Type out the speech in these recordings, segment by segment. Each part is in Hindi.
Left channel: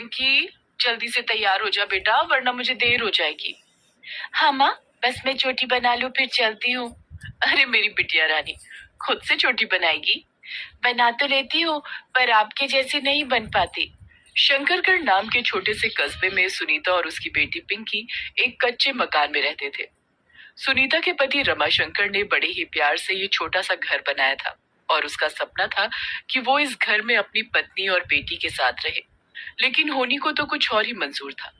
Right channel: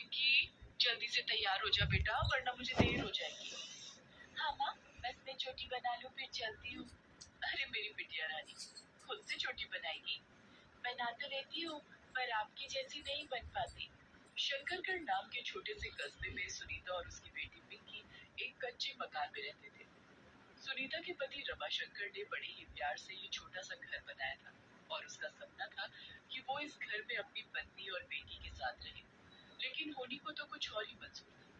पिंकी, जल्दी से तैयार हो जा बेटा, वरना मुझे देर हो जाएगी। हाँ माँ, बस मैं चोटी बना लूं फिर चलती हूँ। अरे मेरी बिटिया रानी, खुद से चोटी बनाएगी? बना तो लेती हूँ, पर आपके जैसी नहीं बन पाती। शंकरगढ़ नाम के छोटे से कस्बे में सुनीता और उसकी बेटी पिंकी एक कच्चे मकान में रहते थे। सुनीता के पति रमाशंकर ने बड़े ही प्यार से ये छोटा सा घर बनाया था और उसका सपना था कि वो इस घर में अपनी पत्नी और बेटी के साथ रहे। लेकिन होनी को तो कुछ और ही मंजूर था।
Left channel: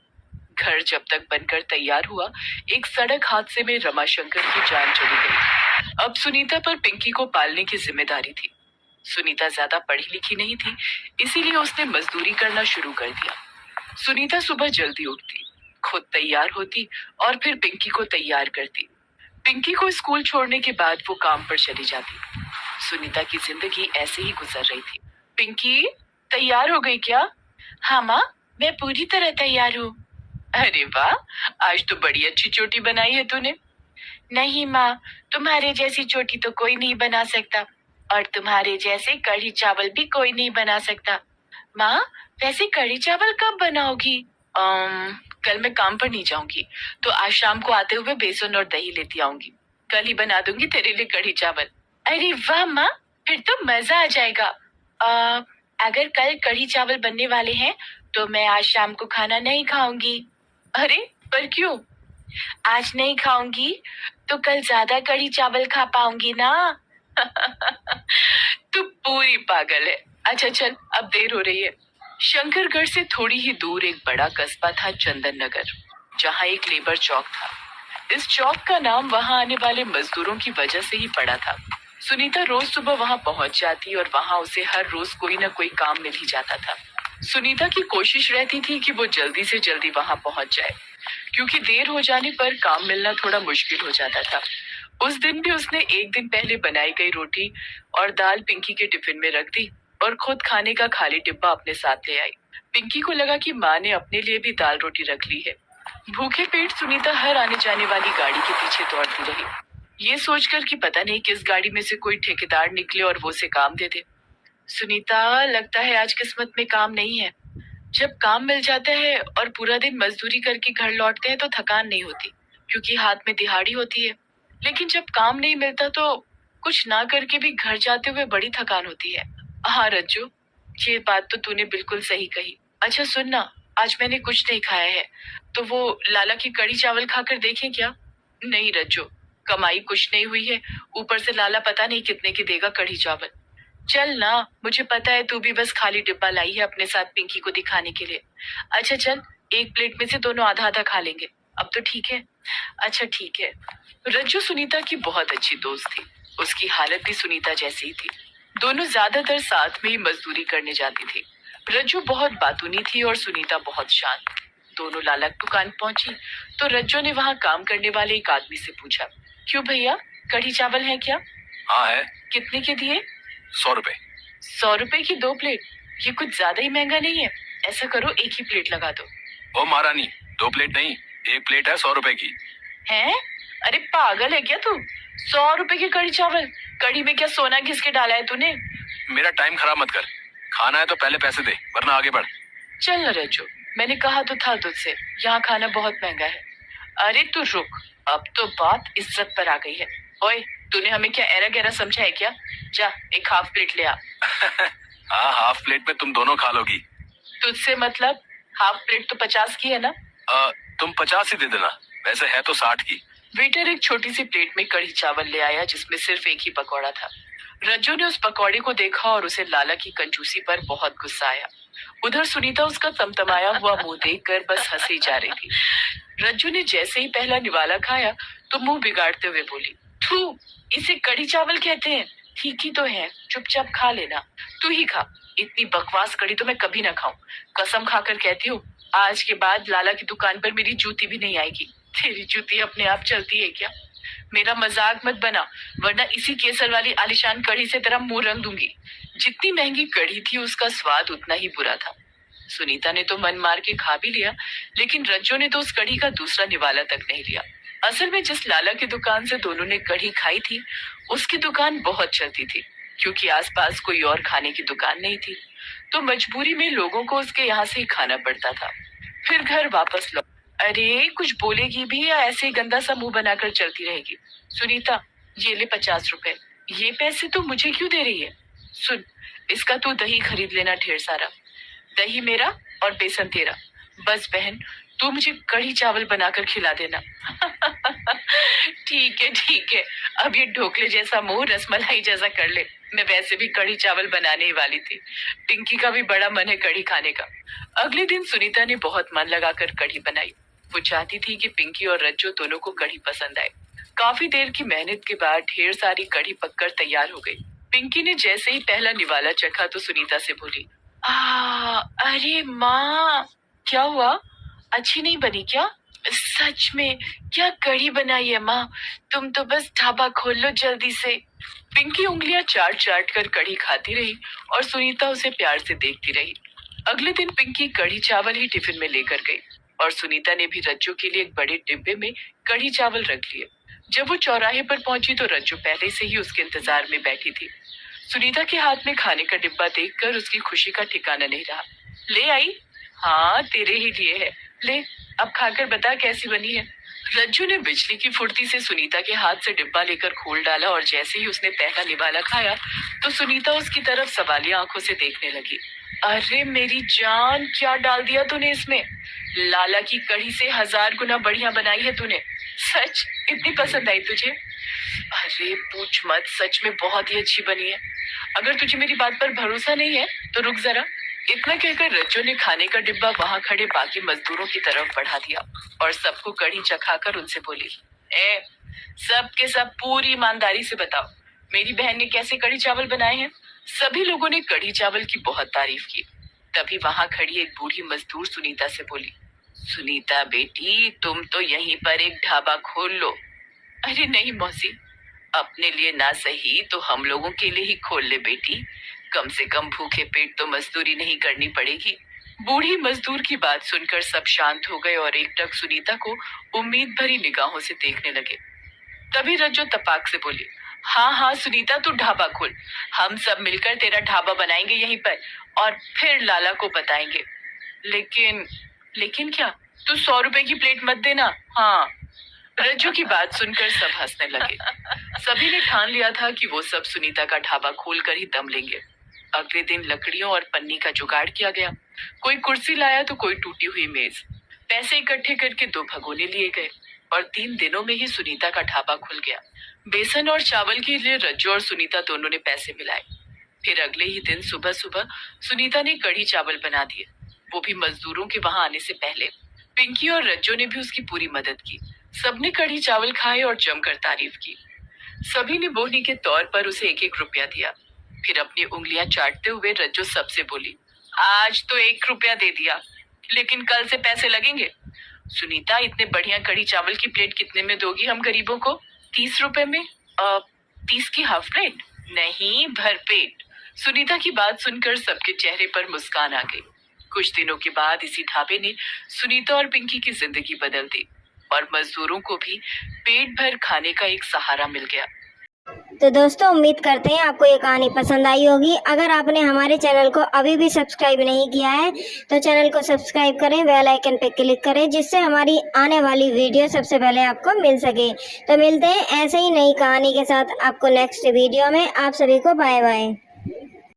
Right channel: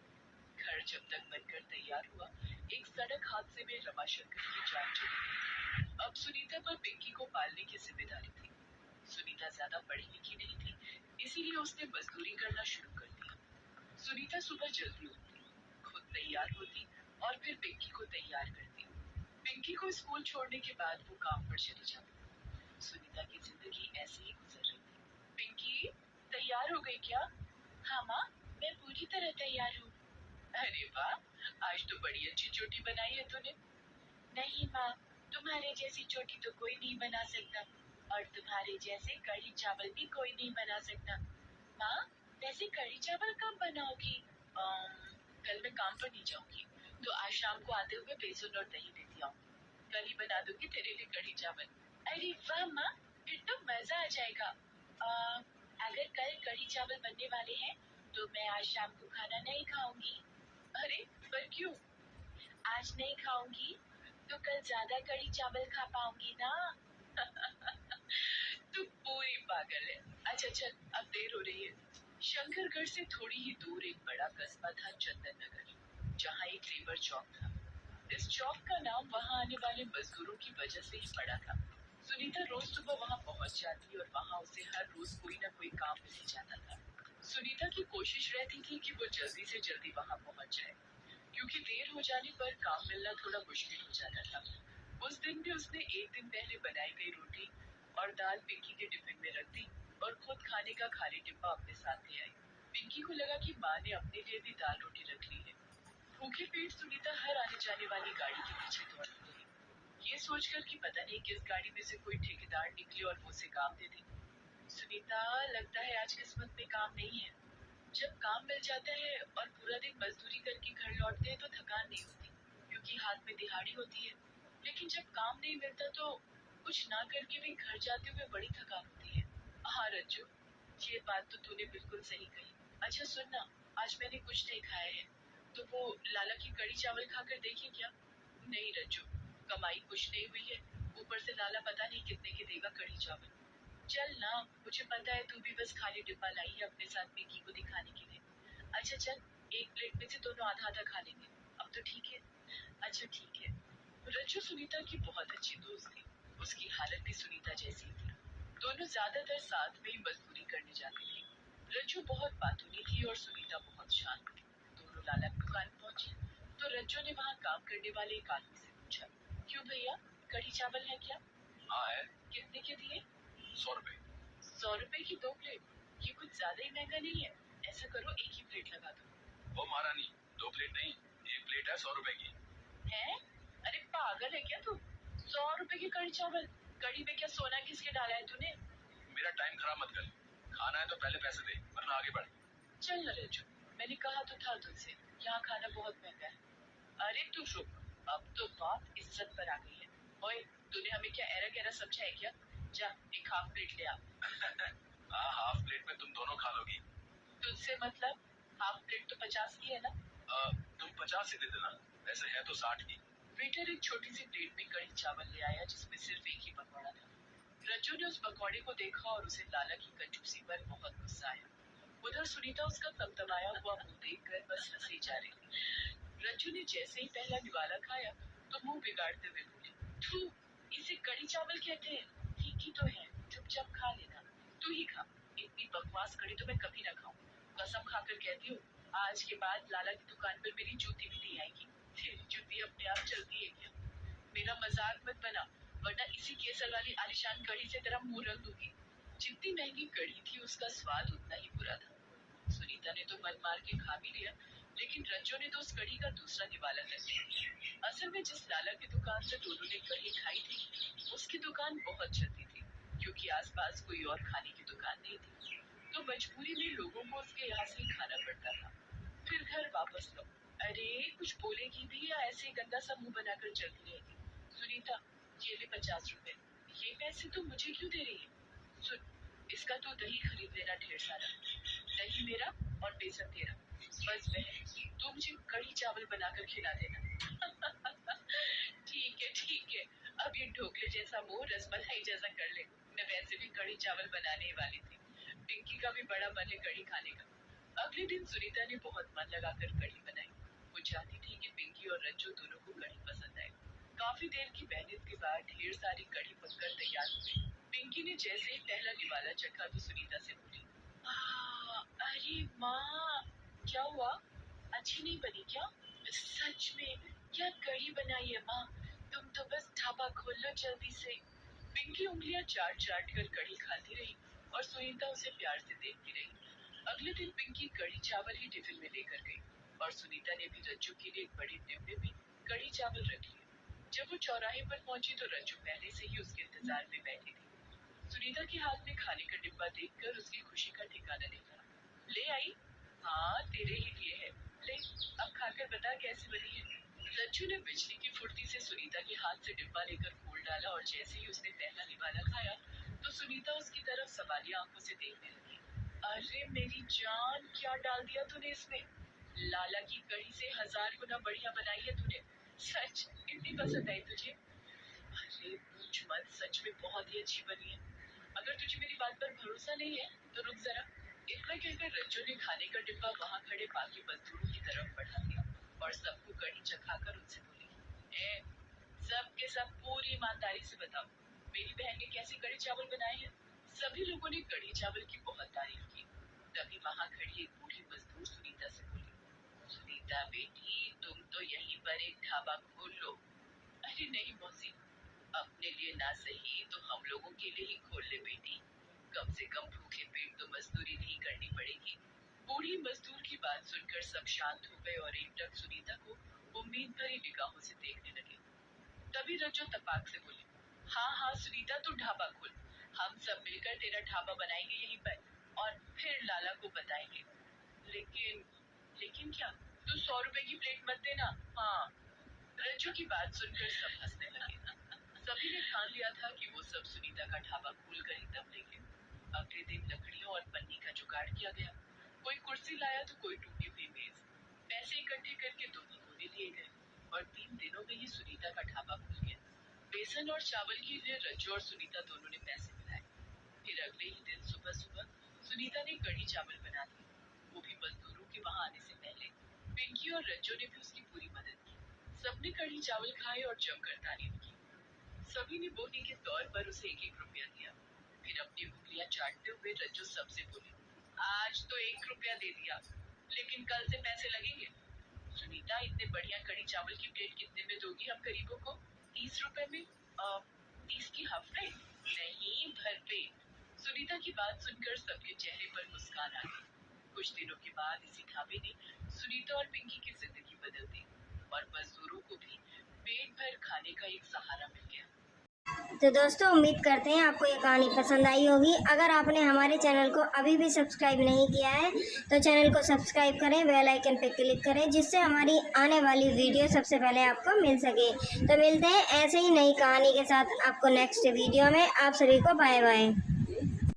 घर जब तक बनकर तैयार हुआ, एक सड़क हादसे में रमाशंकर की जान चली गई। अब सुनीता पर पिंकी को पालने की जिम्मेदारी थी। सुनीता ज्यादा पढ़ी लिखी नहीं थी, इसीलिए उसने मजदूरी करना शुरू कर दिया। सुनीता सुबह जल्दी उठती, खुद तैयार होती और फिर पिंकी को तैयार करती। पिंकी को स्कूल छोड़ने के बाद वो काम पर चली जाती। सुनीता की जिंदगी ऐसे ही गुजर रही थी। पिंकी, तैयार हो गई क्या? हाँ माँ, मैं पूरी तरह तैयार हूँ। अरे वाह, आज तो बड़ी अच्छी चोटी बनाई है तूने। नहीं माँ, तुम्हारे जैसी चोटी तो कोई नहीं बना सकता, और तुम्हारे जैसे कढ़ी चावल भी कोई नहीं बना सकता। माँ, वैसे कढ़ी चावल कब बनाओगी? कल मैं काम पर नहीं जाऊंगी, तो आज शाम को आते हुए बेसन और दही लेती आऊंगी। कल ही बना दूंगी तेरे लिए कढ़ी चावल। अरे वाह माँ, फिर तो मजा आ जाएगा। अगर कल कढ़ी चावल बनने वाले हैं, तो मैं आज शाम को खाना नहीं खाऊंगी। अरे, पर क्यों? आज नहीं खाऊंगी तो कल ज्यादा कढ़ी चावल खा पाऊंगी ना। तू पूरी पागल है। अच्छा चल, अब देर हो रही है। शंकरगढ़ से थोड़ी ही दूर एक बड़ा कस्बा था, चंदन नगर, जहाँ एक लेबर चौक था। इस चौक का नाम वहाँ आने वाले मजदूरों की वजह से ही पड़ा था। सुनीता रोज सुबह वहाँ पहुँच जाती और वहाँ उसे हर रोज कोई न कोई काम मिल ही जाता था। सुनीता की कोशिश रहती थी कि वो जल्दी से जल्दी वहाँ पहुँच जाए, क्योंकि देर हो जाने पर काम मिलना थोड़ा मुश्किल हो जाता था। उस दिन भी उसने एक दिन पहले बनाई गई रोटी और दाल पिंकी के टिफिन में रख दी और खुद खाने का खाली डिब्बा अपने साथ ले आई। पिंकी को लगा कि माँ ने अपने लिए भी दाल रोटी रख ली है। भूखे पेट सुनीता हर आने जाने वाली गाड़ी के पीछे दौड़ती रही, ये सोचकर कि पता नहीं किस गाड़ी में से कोई ठेकेदार निकले और वो उसे काम दे दे। सुनीता, लगता है आज किस्मत में काम नहीं है। जब काम मिल जाता है और पूरा दिन मजदूरी करके घर लौटते हैं तो थकान नहीं होती, क्योंकि हाथ में दिहाड़ी होती है। लेकिन जब काम नहीं मिलता तो कुछ ना करके भी घर जाते हुए बड़ी थकान होती है। हाँ रज्जू, ये बात तो तूने बिल्कुल सही कही। अच्छा सुन ना, आज मैंने कुछ नहीं खाया है, तो वो लाला की कढ़ी चावल खाकर देखें क्या? नहीं रज्जू, कमाई कुछ नहीं हुई है, ऊपर से लाला पता नहीं कितने की देगा कढ़ी चावल। चल ना, मुझे पता है तू भी बस खाली डिब्बा लाई है अपने साथ पिंकी को दिखाने के लिए। अच्छा चल, एक प्लेट में से दोनों आधा आधा खा लेंगे, अब तो ठीक है? अच्छा ठीक है। रज्जू सुनीता की बहुत अच्छी दोस्त थी, उसकी हालत भी सुनीता जैसी ही थी। दोनों ज्यादातर साथ में ही मजदूरी करने जाती थी। रज्जू बहुत बातूनी थी और सुनीता बहुत शांत। दोनों लाला की दुकान पहुंची तो रज्जू ने वहाँ काम करने वाले एक आदमी से पूछा, क्यों भैया, कढ़ी चावल है क्या? हाँ है। कितने के दिए? 100 रुपए। 100 रुपए की 2 प्लेट? ये कुछ ज्यादा ही महंगा नहीं है? ऐसा करो, एक ही प्लेट लगा दो। ओ महारानी, 2 प्लेट नहीं, एक प्लेट है 100 रुपए की। हैं? अरे पागल है क्या तू? 100 रुपए की कढ़ी चावल? कढ़ी में क्या सोना घिस के डाला है तूने? मेरा टाइम खराब मत कर, खाना है तो पहले पैसे दे, वरना आगे बढ़। चल न रज्जू, मैंने कहा तो था तुझसे, यहाँ खाना बहुत महंगा है। अरे तू रुक, अब तो बात इज्जत पर आ गई है। ओए, तूने हमें क्या एरा गहरा समझा है क्या? जा, एक हाफ प्लेट ले आ। हाँ, हाफ प्लेट में तुम दोनों खा लोगी। तुझसे मतलब? हाफ प्लेट तो 50 की है ना? तुम 50 ही दे देना, वैसे है तो 60 की। वेटर एक छोटी सी प्लेट में कढ़ी चावल ले आया जिसमें सिर्फ एक ही पकौड़ा था। रज्जू ने उस पकौड़े को देखा और उसे लाला की कंजूसी पर बहुत गुस्सा आया। उधर सुनीता उसका तमतमाया हुआ मुंह देखकर बस हंसी जा रही थी। रज्जू ने जैसे ही पहला निवाला खाया तो मुंह बिगाड़ते हुए बोली, थू, इसे कढ़ी चावल कहते हैं? ठीक ही तो है, चुपचाप खा लेना। तू ही खा, इतनी बकवास कढ़ी तो मैं कभी ना खाऊं। कसम खाकर कहती हूँ, आज के बाद लाला की दुकान पर मेरी जूती भी नहीं आएगी। तेरी जूती अपने आप चलती है क्या? मेरा मजाक मत बना, वरना इसी केसर वाली आलिशान कढ़ी से तेरा मुंह रंग दूंगी। जितनी महंगी कढ़ी थी उसका स्वाद उतना ही बुरा था। सुनीता ने तो मन मार के खा भी लिया, लेकिन रज्जू ने तो उस कढ़ी का दूसरा निवाला तक नहीं लिया। असल में जिस लाला की दुकान से दोनों ने कढ़ी खाई थी, उसकी दुकान बहुत चलती थी, क्योंकि आसपास कोई और खाने की दुकान नहीं थी। तो मजबूरी में लोगों को उसके यहाँ से ही खाना पड़ता था। फिर घर वापस लौट। अरे कुछ बोलेगी भी या ऐसे ही गंदा सा मुंह बनाकर चलती रहेगी? सुनीता, ये ले 50 रुपए। ये पैसे तो मुझे क्यों दे रही है? सुन, इसका तू दही खरीद लेना ढेर सारा। दही मेरा और बेसन तेरा। बस बहन, तू मुझे कढ़ी चावल बनाकर खिला देना। ठीक है, अब ये ढोकले जैसा मुंह रसमलाई जैसा कर ले। मैं वैसे भी कढ़ी चावल बनाने ही वाली थी। पिंकी का भी बड़ा मन है कढ़ी खाने का। अगले दिन सुनीता ने बहुत मन लगाकर कढ़ी बनाई। वो चाहती थी कि पिंकी और रज्जो दोनों को कढ़ी पसंद आए। काफी देर की मेहनत के बाद ढेर सारी कढ़ी पककर तैयार हो गई। पिंकी ने जैसे ही पहला निवाला चखा तो सुनीता से बोली, अरे माँ, क्या हुआ? अच्छी नहीं बनी क्या? सच में क्या कढ़ी बनाई है माँ? तुम तो बस ढाबा खोल लो जल्दी से। पिंकी उंगलियां चाट चाट कर कढ़ी खाती रही और सुनीता उसे प्यार से देखती रही। अगले दिन पिंकी कढ़ी चावल ही टिफिन में लेकर गई और सुनीता ने भी रज्जू के लिए एक बड़े डिब्बे में कढ़ी चावल रख लिए। जब वो चौराहे पर पहुंची तो रज्जू पहले से ही उसके इंतजार में बैठी थी। सुनीता के हाथ में खाने का डिब्बा देखकर उसकी खुशी का ठिकाना नहीं रहा। ले आई? हाँ, तेरे ही लिए है। ले, अब खाकर बता कैसी बनी है। रज्जू ने बिजली की फुर्ती से सुनीता के हाथ से डिब्बा लेकर खोल डाला और जैसे ही उसने पहला निवाला खाया तो सुनीता उसकी तरफ सवालिया आंखों से देखने लगी। अरे मेरी जान, क्या डाल दिया तूने इसमें? लाला की कढ़ी से 1000 गुना बढ़िया बनाई है तूने। सच इतनी पसंद आई तुझे? अरे पूछ मत, सच में बहुत ही अच्छी बनी है। अगर तुझे मेरी बात पर भरोसा नहीं है तो रुक जरा। इतना कहकर रज्जो ने खाने का डिब्बा वहां खड़े बाकी मजदूरों की तरफ बढ़ा दिया और सबको कढ़ी चखाकर उनसे बोली, सब के सब पूरी ईमानदारी से बताओ, मेरी बहन ने कैसे कढ़ी चावल बनाए हैं? सभी लोगों ने कढ़ी चावल की बहुत तारीफ की। तभी वहां खड़ी एक बूढ़ी मजदूर सुनीता से बोली, सुनीता बेटी, तुम तो यहीं पर एक ढाबा खोल लो। अरे नहीं मौसी, अपने लिए ना सही तो हम लोगों के लिए ही खोल ले बेटी। कम से कम भूखे पेट तो मजदूरी नहीं करनी पड़ेगी। बूढ़ी मजदूर की बात सुनकर सब शांत हो गए और एकटक सुनीता को उम्मीद भरी निगाहों से देखने लगे। तभी रज्जो तपाक से बोली, हाँ सुनीता, तू ढाबा खोल। हम सब मिलकर तेरा ढाबा बनाएंगे यहीं पर और फिर लाला को बताएंगे। लेकिन क्या? तू 100 रुपए की प्लेट मत देना। हाँ। रज्जू की बात सुनकर सब हंसने लगे। सभी ने ठान लिया था कि वो सब सुनीता का ढाबा खोलकर ही दम लेंगे। अगले दिन लकड़ियों और पन्नी का जुगाड़ किया गया। कोई कुर्सी लाया तो कोई टूटी हुई मेज। पैसे इकट्ठे करके 2 भगोने लिए गए और 3 दिनों में ही सुनीता का ढाबा खुल गया। बेसन और चावल के लिए रज्जू और सुनीता दोनों ने पैसे मिलाए। फिर अगले ही दिन सुबह सुबह सुनीता ने कढ़ी चावल बना दिए, वो भी मजदूरों के वहां आने से पहले। पिंकी और रज्जू ने भी उसकी पूरी मदद की। सबने कढ़ी चावल खाए और जमकर तारीफ की। सभी ने बोहनी के तौर पर उसे 1-1 रुपया दिया। फिर अपनी उंगलियां चाटते हुए रज्जू सबसे बोली, आज तो 1 रुपया दे दिया, लेकिन कल से पैसे लगेंगे। सुनीता, इतने बढ़िया कढ़ी चावल की प्लेट कितने में दोगी हम गरीबों को? 30 रुपए में। 30 की हाफ प्लेट? नहीं, भर पेट। सुनीता की बात सुनकर सबके चेहरे पर मुस्कान आ गई। कुछ दिनों के बाद इसी ढाबे ने सुनीता और पिंकी की जिंदगी बदल दी और मजदूरों को भी पेट भर खाने का एक सहारा मिल गया। तो दोस्तों, उम्मीद करते हैं आपको ये कहानी पसंद आई होगी। अगर आपने हमारे चैनल को अभी भी सब्सक्राइब नहीं किया है तो चैनल को सब्सक्राइब करें, बेल आइकन पे क्लिक करें, जिससे हमारी आने वाली वीडियो सबसे पहले आपको मिल सके। तो मिलते हैं ऐसे ही नई कहानी के साथ आपको नेक्स्ट वीडियो में। आप सभी को बाय बाय।